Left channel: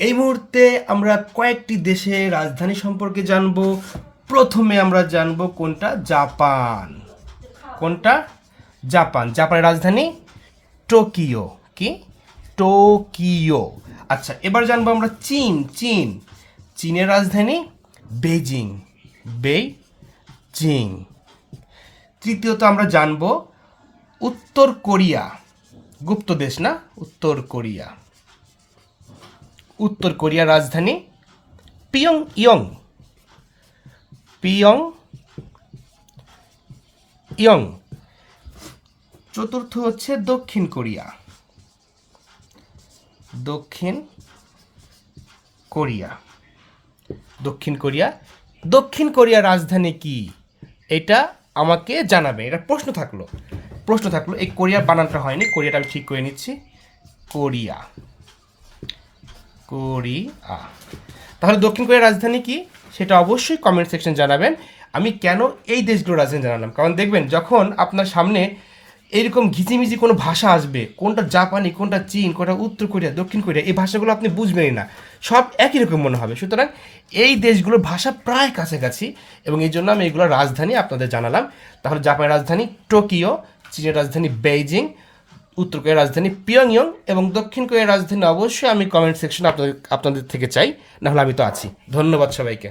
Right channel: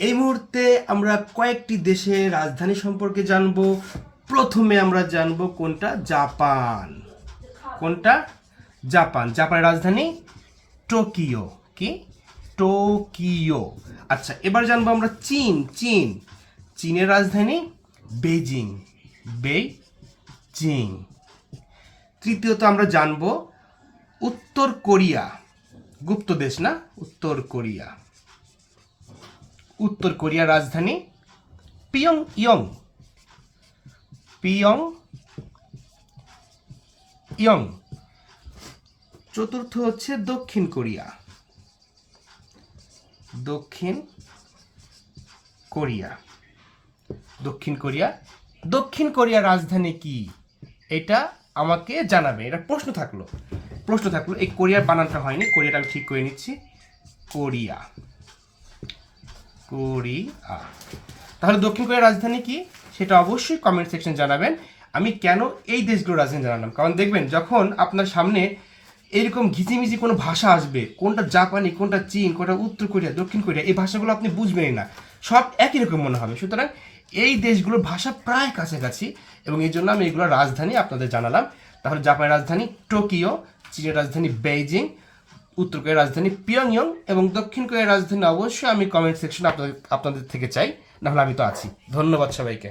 এই মুহূর্তে আমরা কয়েকটি দেশের রাজধানী সম্পর্কে জানব। প্রথমে আমরা জানব কোনটা, জাপান। কোনটা? জাপান। জাপানের রাজধানী টোকিও। কি? টোকিও। আচ্ছা, এবার জানবো আমরা চীন। চীনের রাজধানী বেজিং। বেজিং। তৃতীয়ত আমরা জানবো উত্তর কোরিয়া। গুপ্ত দেশ না, উত্তর কোরিয়া। উত্তর কোরিয়ার রাজধানী পিয়ং ইয়ং। চতুর্থ হচ্ছে দক্ষিণ কোরিয়া। দক্ষিণ কোরিয়ার রাজধানী কি? এটা আমাকে জানাবে। এটা প্রশ্ন থাকলো। এই কোরিয়ার বানানটা হয়নি, কোরিয়াটা আমি ঠিক করে নিচ্ছি। কোরিয়া। তাহলে দক্ষিণ কোরিয়ার রাজধানী কি সেটা অবশ্যই কমেন্ট সেকশন জানাবেন। আমি কেন এই দেশগুলোর রাজধানী জানালাম, কারণ দেখবেন যখন আপনার সামনে এরকম ঘিচিমিচি কোনো ভাষা আসবে, কোনটা জাপানি, কোনটা চীন, কোনটা উত্তর কোরিয়া, দক্ষিণ কোরিয়া, এই ভাষাগুলো আপনি বুঝবেনই না, সব একই রকম মনে হবে। সুতরাং এই দেশগুলোর ভাষা প্রায় কাছাকাছি, এবং এই জন্য আমি এগুলোর রাজধানী আপনাদের জানালাম। তাহলে জাপানের রাজধানী টোকিও, চীনের রাজধানী বেইজিং, উত্তর কোরিয়ার রাজধানী পিয়ংইয়ং, এবং দক্ষিণ কোরিয়ার রাজধানী অবশ্যই আমি কমেন্ট সেকশনে আপনাদের থেকে চাই, নাহলে আমি তো আছি। ধন্যবাদ সবাইকে।